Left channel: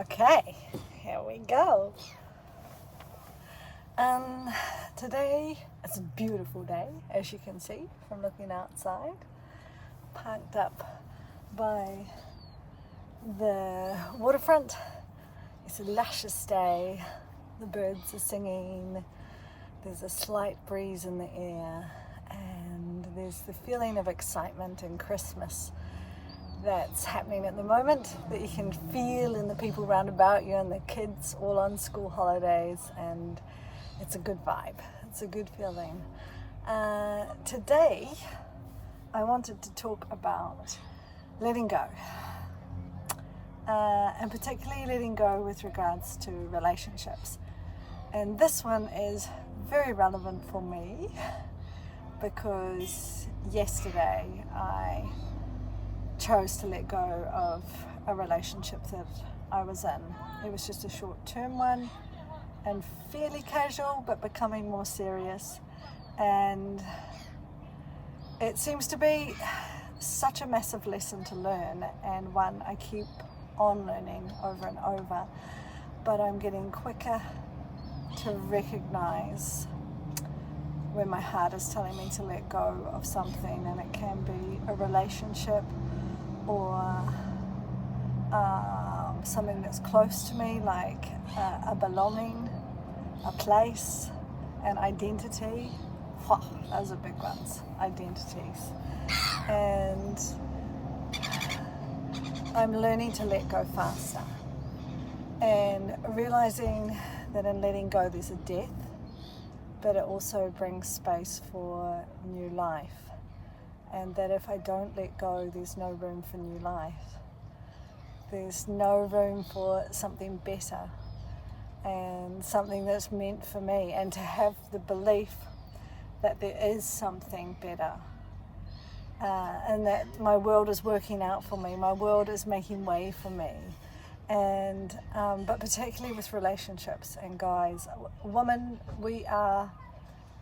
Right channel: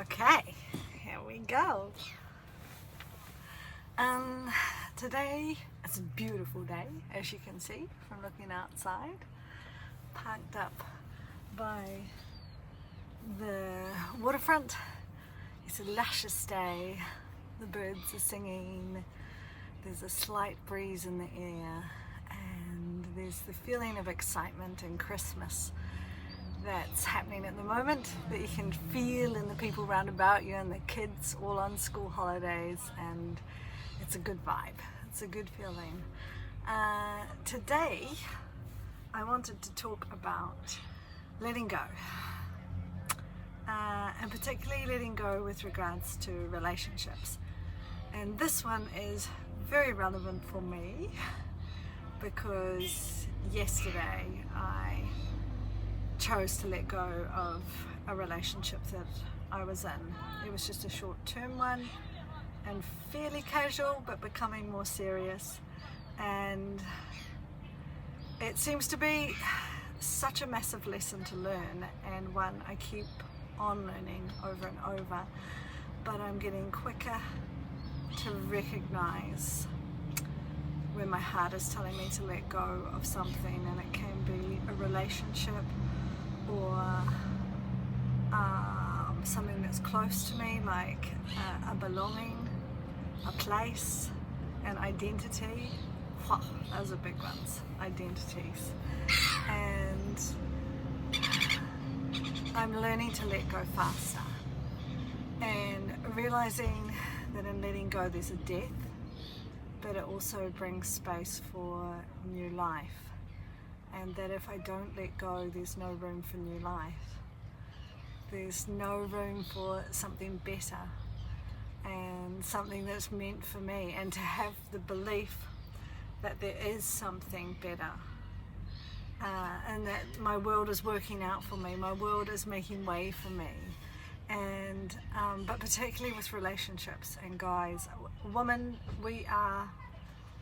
Okay, here we go. Today it's a beautiful day, as you can see from looking outside. Parked up by the waterfront. It's a luscious day. The birds are singing. There's a slight breeze in the air, and there's the feeling of excitement and Christmas that's happening at the moment that you can feel in the people round about you and the kids all on school holidays, and it's a good vibe. It's a good feeling. Today I wanted to talk about letting go, and particularly letting go with regards to relationships. And this one is very relevant for me because yesterday I chose to let go of a relationship that I was in. It was just a short-term one and fairly casual, but becoming more serious. And it seems to be such a massive lesson to learn, and one I keep on learning over and over. But I'm getting quicker to recognize when my heart is telling me to let go of something, and it can be a relationship or something that's close to me, like a belonging, a place, an identity. Those are big ones, identities. And I'm learning to let go faster and realizing that in letting go there's a death, but it also brings space for new life. And that if I don't let go, there's no room for new life. There's no room for something better and something that's meant for me, and to have the belief that there is something better, and that my world is working out for me, my world is making way for me. And but particularly with relationships and guys, women, we are,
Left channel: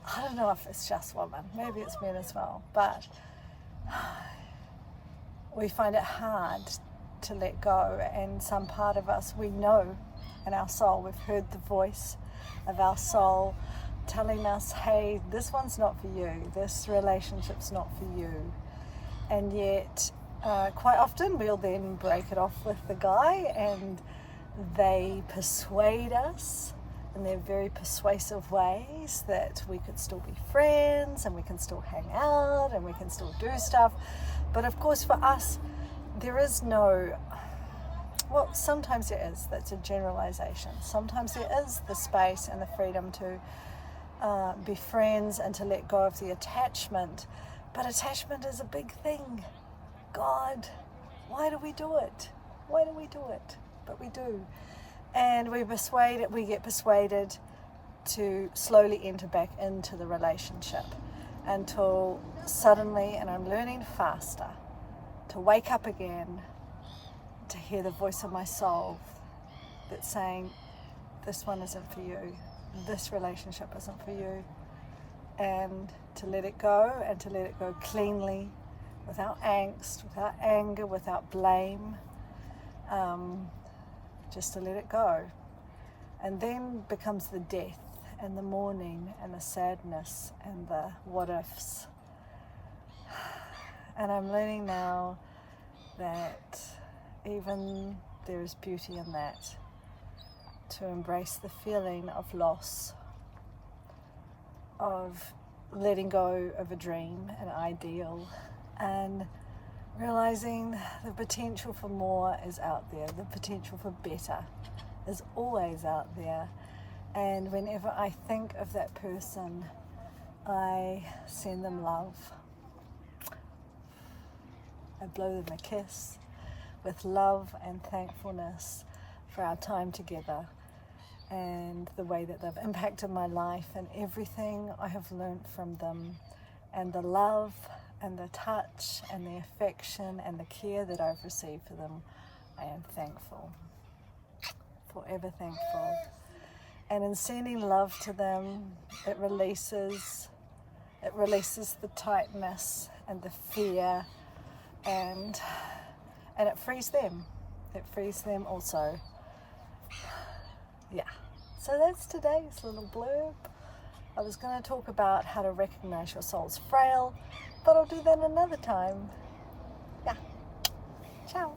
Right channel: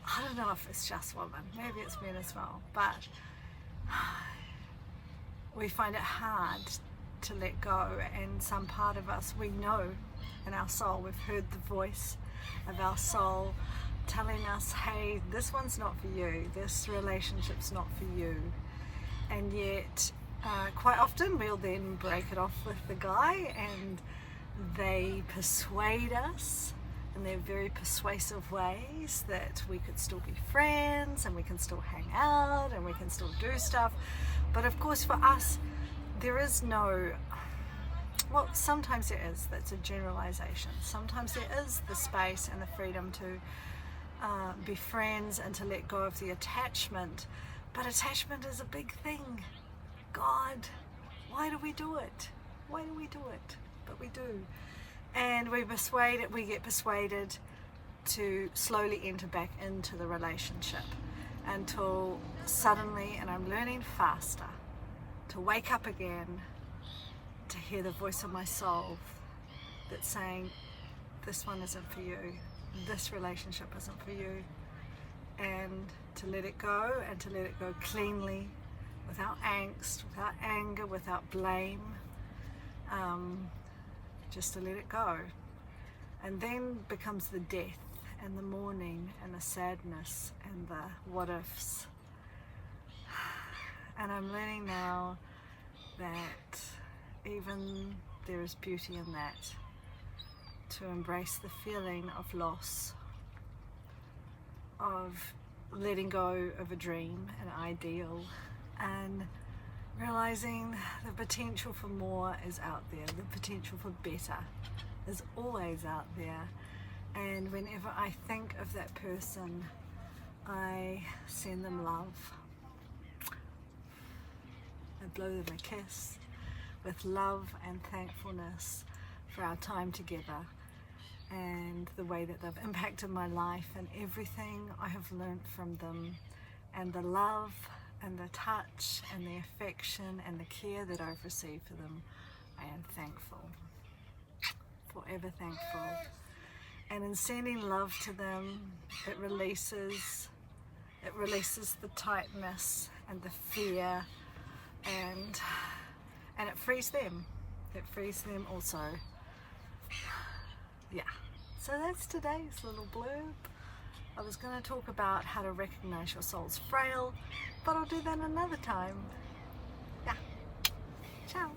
I don't know if it's just women, maybe it's men as well, but we find it hard to let go. And some part of us, we know in our soul, we've heard the voice of our soul telling us, hey, this one's not for you, this relationship's not for you. And yet quite often we'll then break it off with the guy, and they persuade us in their very persuasive ways that we could still be friends and we can still hang out and we can still do stuff. But of course for us there is no, well, sometimes there is, that's a generalization. Sometimes there is the space and the freedom to be friends and to let go of the attachment. But attachment is a big thing. God, why do we do it? Why do we do it? But we do. And we get persuaded to slowly enter back into the relationship until suddenly, and I'm learning faster, to wake up again, to hear the voice of my soul that's saying, this one isn't for you, this relationship isn't for you, and to let it go, and to let it go cleanly, without angst, without anger, without blame. Just to let it go. And then becomes the death and the mourning and the sadness and the what ifs. And I'm learning now that even there is beauty in that, to embrace the feeling of loss, of letting go of a dream, an ideal, and realizing the potential for more is out there, the potential for better is always out there. And whenever I think of that person, I send them love. I blow them a kiss with love and thankfulness for our time together and the way that they've impacted my life and everything I have learned from them, and the love and the touch and the affection and the care that I've received for them. I am thankful, forever thankful. And in sending love to them, it releases the tightness and the fear, and it frees them. It frees them also Yeah, so that's today's little blurb. I was going to talk about how to recognize your soul's frail, but I'll do that another time. Yeah, ciao.